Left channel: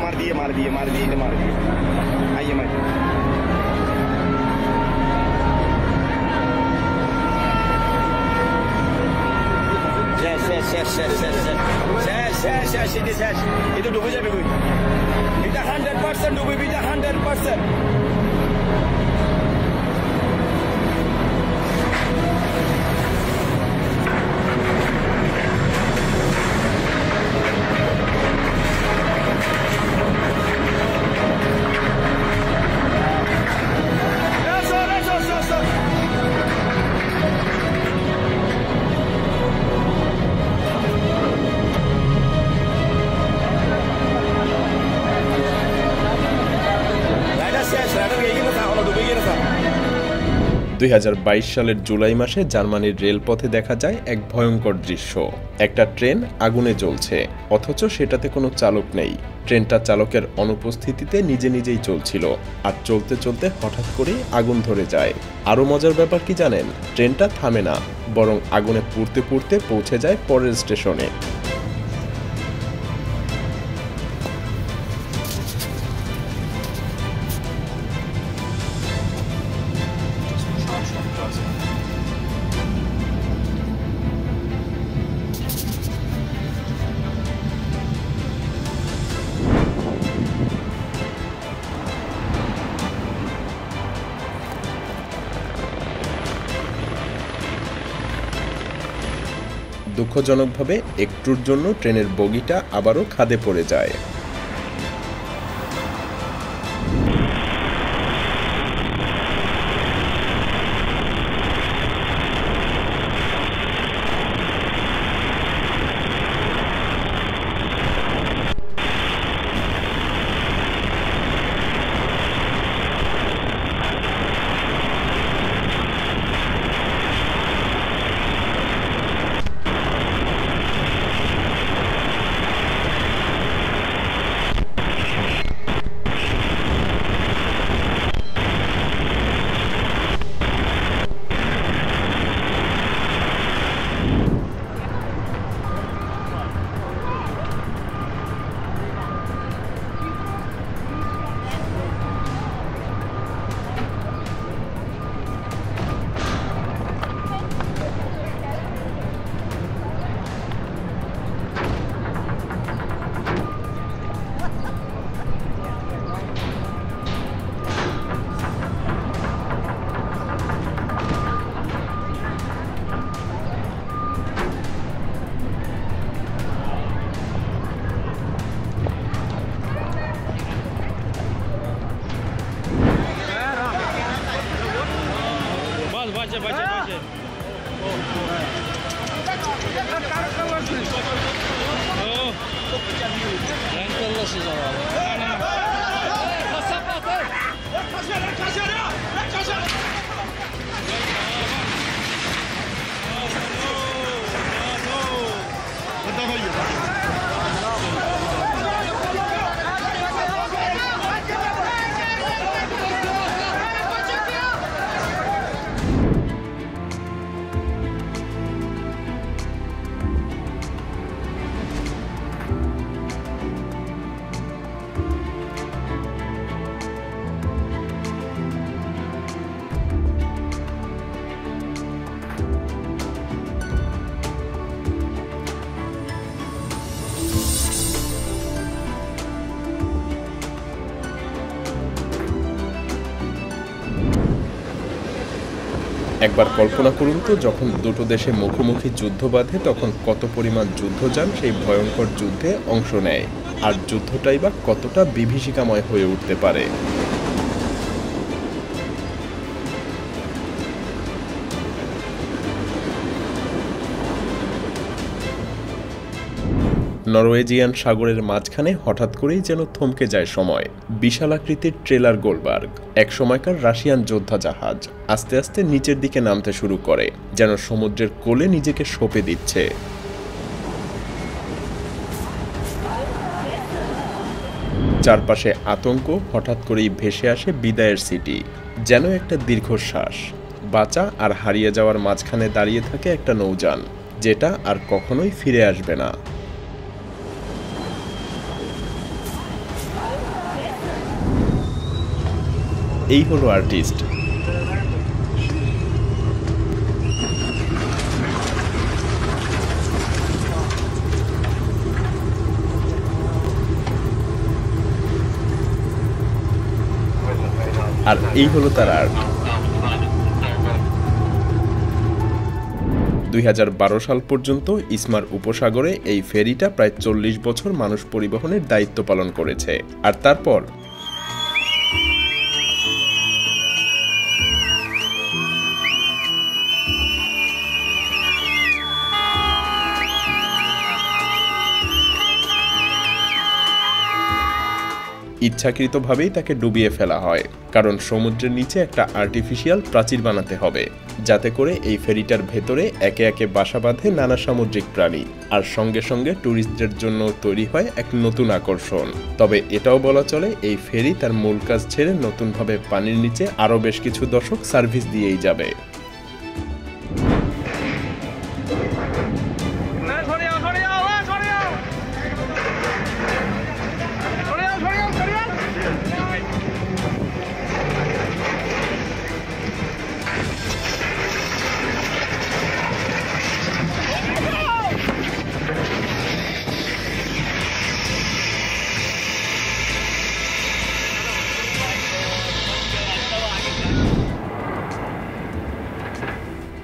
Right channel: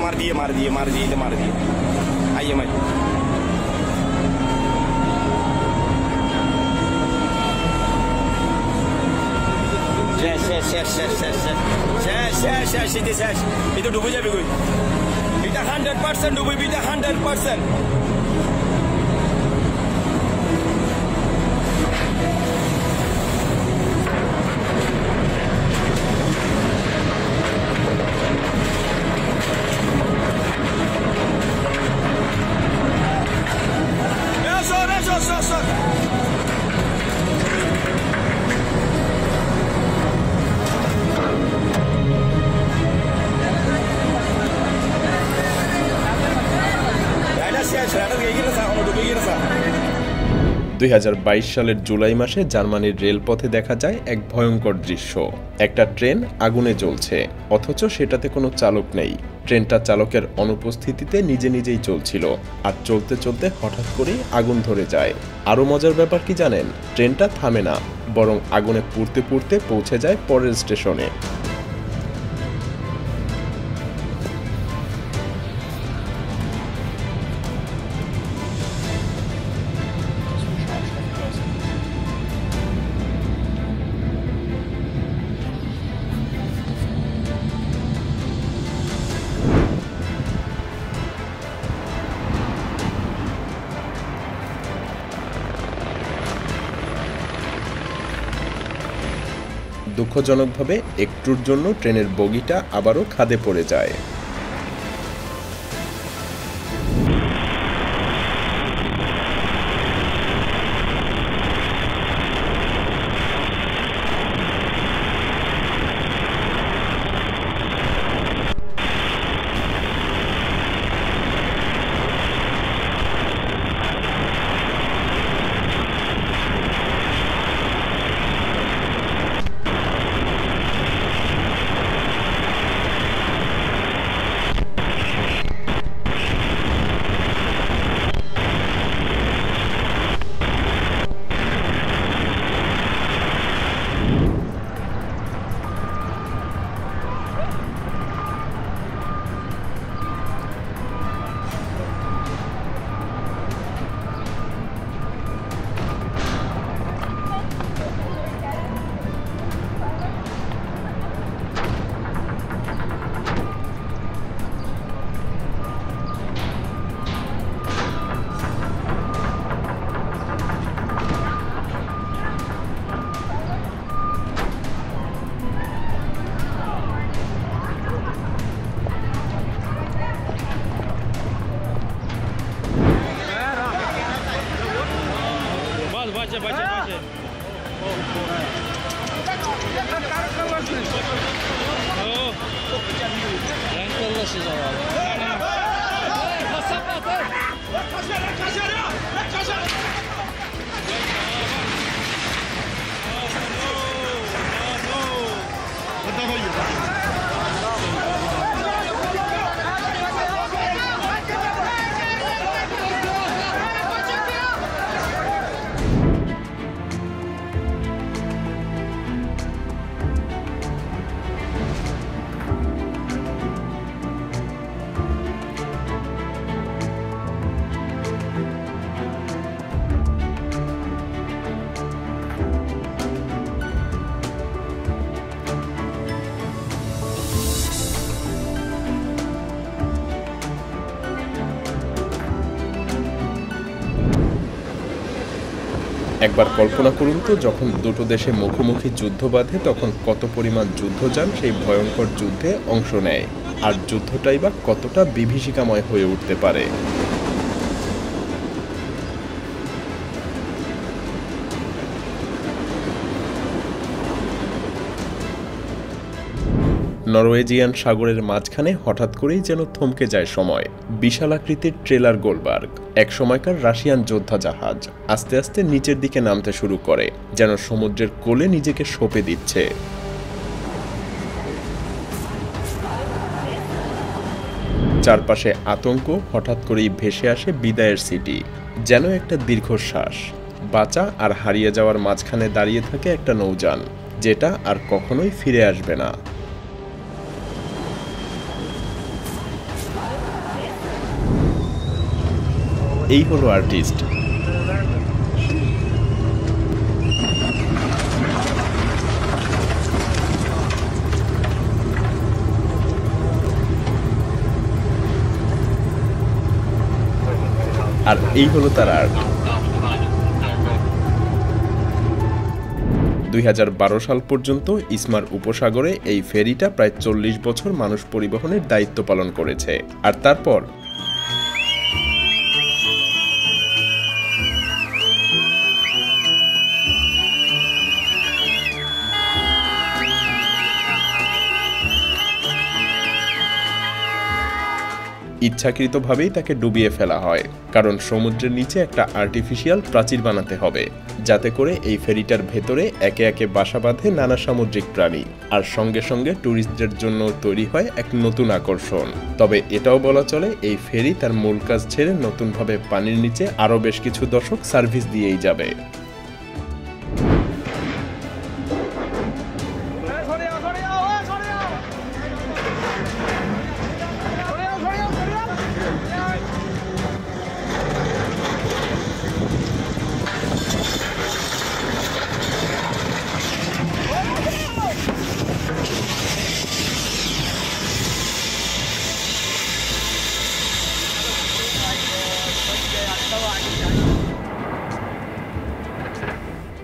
मार दिए आइए मैं শেষ এটা ডুবে যাবে কই এটা 100% ডুবে এটা 100% দুই 2022 সালের জুলাই মাসে জার্মানির রেলপথে দেখা যায় এক ভয়ঙ্কর দৃশ্য। একটা ট্রেন আগুনে জ্বলছে, অথচ সেটাতে কোনো চালক নেই। ট্রেনটা চালকের অনুপস্থিতিতে নিজে নিজেই চলছিল, আর চলতে চলতে হঠাৎ করেই আগুন ধরে যায়। আরও মজার ব্যাপার কি জানেন? ট্রেনটা থামে না, বরং আগুনে পুড়তে পুড়তে পৌঁছে যায় পরের স্টেশনে। দুঃখজনকভাবে একটুর জন্য ট্রেনের বগিটা আবারও খাদে পড়ে যায়। একবার কল্পনা করুন তো, যখন দুটো দেশে মুখোমুখি যুদ্ধ বাঁধে তখন কত পরিমাণ যুদ্ধযান সেই ভয়ঙ্কর যুদ্ধে অংশ নেয়, আর যুদ্ধটাই বা কতটা বিভীষিকাময় হয়ে উঠতে পারে। নরওয়েজিয়ান সাগরের মাঝখানে হঠাৎ করেই যেন থমকে যায় সময়। বিশাল আকৃতির ট্রেলার গোলবার্গ, এক সময়কার রাশিয়ান যোদ্ধা জাহাজ, আস্তে আস্তে নিচের দিকে নামতে শুরু করে, যেন সমুদ্রের কোলে নিজেকে সঁপে দিচ্ছে। চারপাশে আতঙ্ক, হঠাৎ করেই ভেসে আসে বিদায়ের সিটি, যেন একটা দীর্ঘশ্বাস। বাঁচা আর হারিয়ে যাওয়ার মাঝখানে দাঁড়িয়ে থাকে একটা নৌযান, যেটা আর কখনোই ফিরে আসবে না। এই হলো আর্টিস্ট। আর এই হলো তার আর্ট। 2012 সাল পর্যন্ত ইসমার উপসাগরে এই ফেরিটা প্রায় 40 বছর মানুষ পরিবহনের দায়িত্ব পালন করেছে। আর তারপর ইচ্ছাকৃতভাবেই তাকে ডুবিয়ে ফেলা হয়, কারণ সমুদ্রের নিচে একটা আর্টিফিশিয়াল প্রাচীর বানাতে হবে, যাতে করে এই ফেরিটার ভেতরে একে একে বাসা বাঁধে নানা সামুদ্রিক প্রাণী, আর সঙ্গে সঙ্গে ট্যুরিস্টদের জন্য তৈরি হয় এক নতুন আকর্ষণ। তবে এটাও বলা চলে এই ফেরি তার মূল কাজ ছেড়ে নতুনভাবে পানির নিচে আরও বেশ কিছু দশক সার্ভিস দিয়েই যাবে।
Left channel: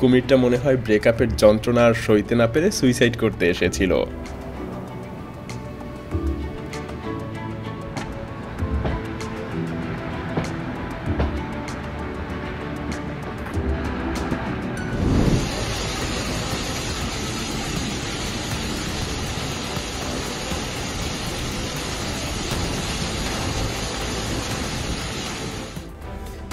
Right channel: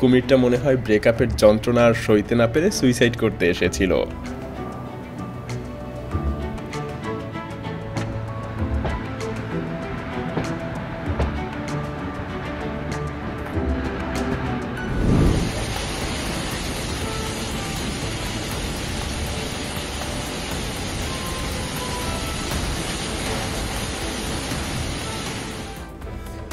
কুমিরটা মনে হয় ব্রেকআপের যন্ত্রণা আর সইতে না পেরে সুইসাইড করতে এসেছিল।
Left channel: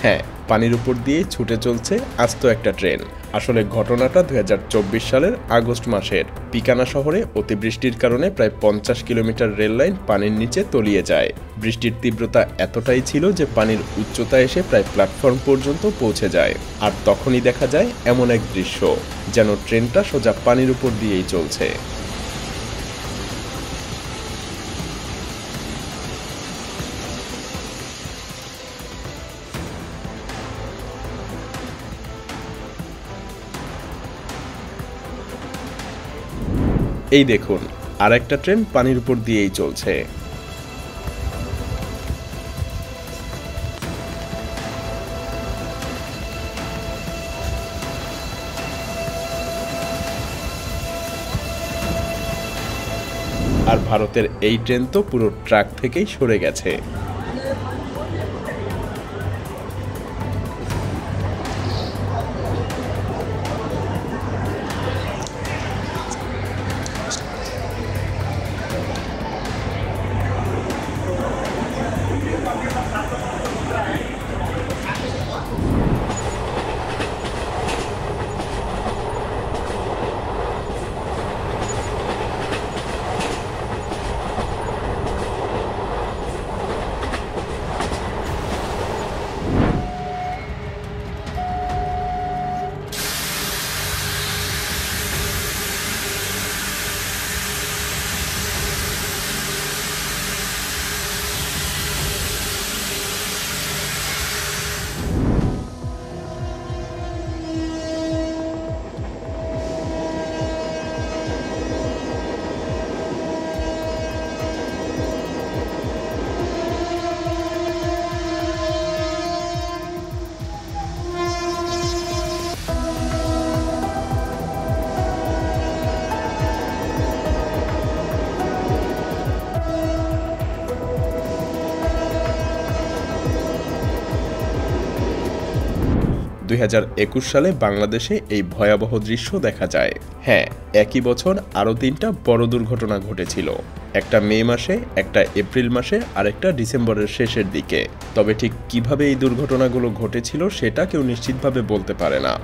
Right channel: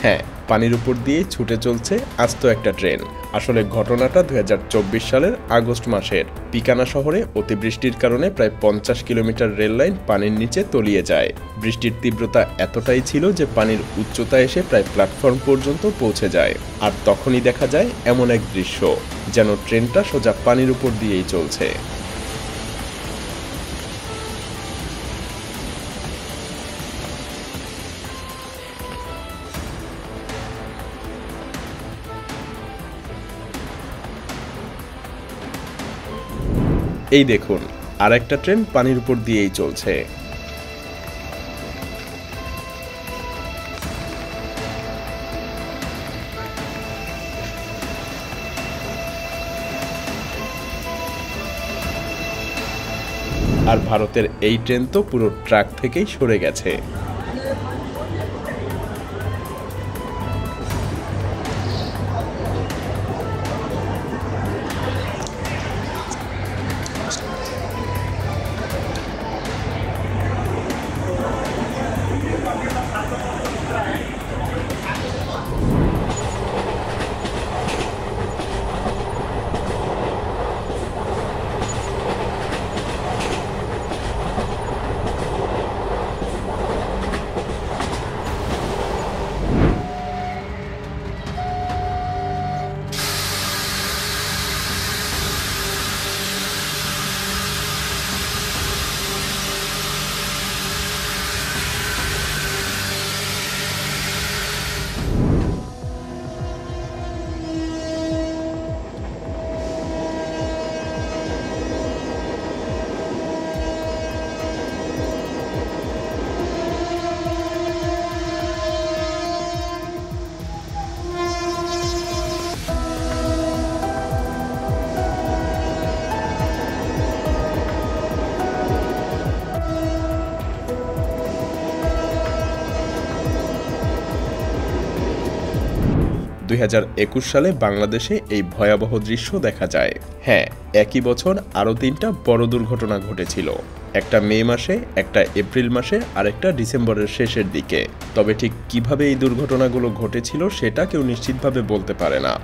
হ্যাঁ, পানির উপর দিয়ে ছুটে চলছে আস্ত একটা ট্রেন। আসলে ঘটনাটা 2024 সালের আগস্ট মাসের। পিকানা শহরে অতিবৃষ্টির কারণে প্রায় 50 কিলোমিটার রেল লাইন পানির নিচে তলিয়ে যায়। বৃষ্টির তীব্রতা এতটাই ছিল যে পানির উচ্চতা এসে প্রায় প্ল্যাটফর্ম পর্যন্ত পৌঁছে যায়। আর তখনই দেখা যায় এমন এক দৃশ্য, যেন ট্রেনটা সোজা পানির উপর দিয়েই চলছে। এই দেখুন, আর একটা ট্রেন পানির উপর দিয়েই চলছে। আর ভারতের এই ট্রেন তো পুরো ট্র্যাক থেকেই সরে গেছে। সালে বাংলাদেশে এই ভয়াবহ দৃশ্য দেখা যায়। হ্যাঁ, একই বছর আরও 3টা বড় দুর্ঘটনা ঘটেছিল, একটা মে মাসে, একটা এপ্রিল মাসে আর একটা ডিসেম্বরের শেষের দিকে। তবে ঠিক কিভাবে এই দুর্ঘটনাগুলো ঘটেছিল সেটা কেউ নিশ্চিতভাবে বলতে পারে না।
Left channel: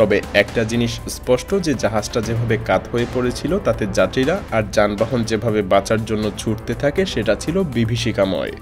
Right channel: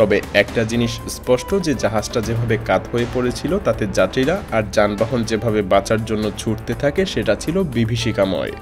তবে একটা জিনিস স্পষ্ট, যে জাহাজটা যেভাবে কাত হয়ে পড়েছিল তাতে যাত্রীরা আর যানবাহন যেভাবে বাঁচার জন্য ছুটতে থাকে সেটা ছিল বিভীষিকাময়।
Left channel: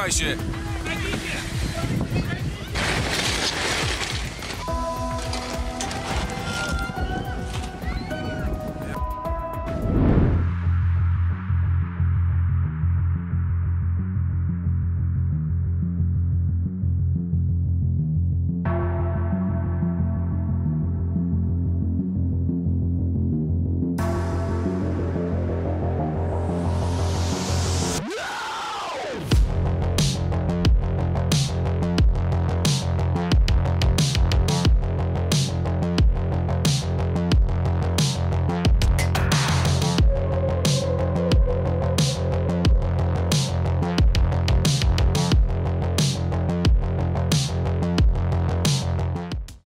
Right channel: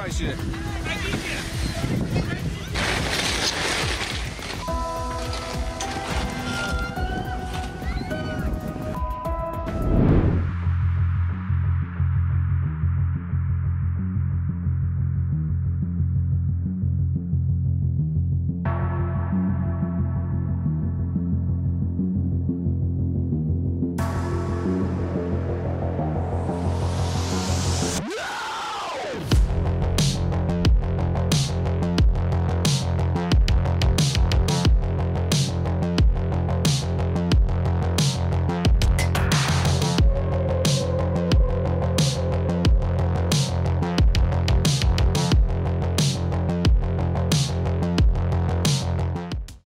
পাইছে